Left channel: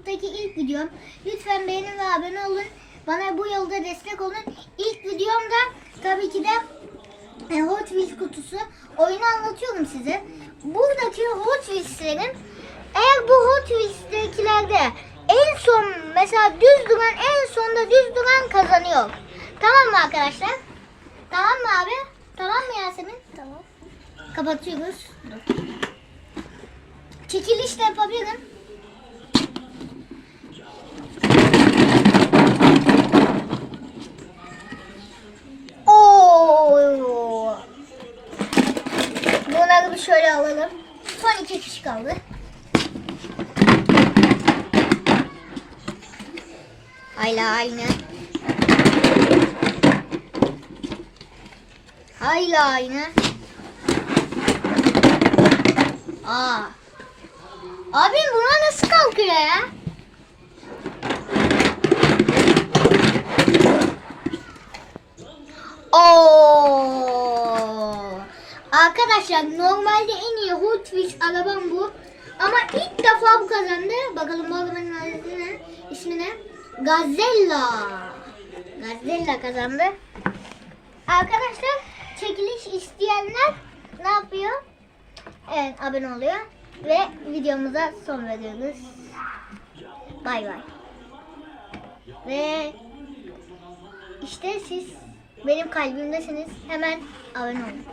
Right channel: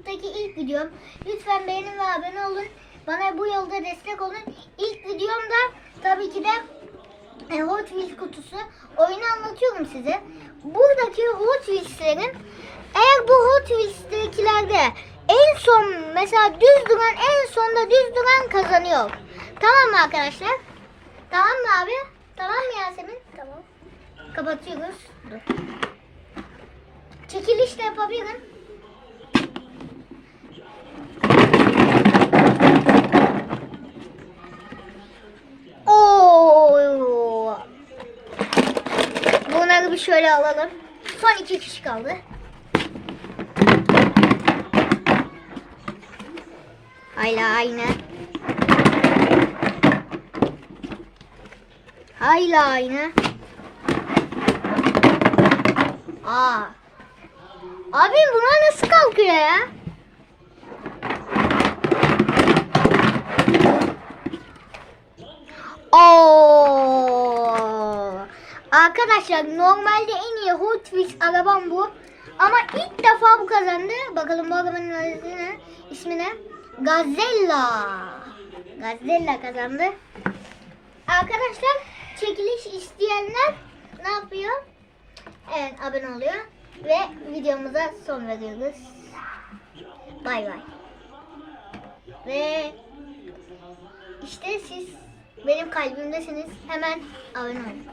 YouTube'daki ilk videom. Lütfen beğenin ve abone olun. Bana bu yolda destek olun. İlk videomda tabii ki de e, Hot Wheels kutusu. Oyunu anlatıyorum size. Buradaki Hot Wheels'lerin eğer bu Hot Wheels'tekilerde en son mesela düz duran en sonda düz duran kazanıyor. Tamam mı arkadaşlar? Tamam mı abi? Tamam mı Yasemin? Tamam. Kapatıyoruz. Dur. Çekiliş de yapabilirim. Şöyle alalım. Son iki kişi kaldı. Hayla aynı. Hayla aynı. Aa. Abi bunlar nasıl kalkıyor ya? Oo. Arkadaşlar normalde en iyi Hot Wheels arabam bu. Ama ilk defa bu kazandı. Bakalım bu arabanın adı ne? İsmi ne? Gazella. Gazella kazandı. Arkadaşlar çekiliş isteyenler ne yapıyor? Evet abone oluyor. Ve videomuza son veriyoruz. Bay bay. Ve işte siz benim kalbimdesiniz. Hemen abone olun.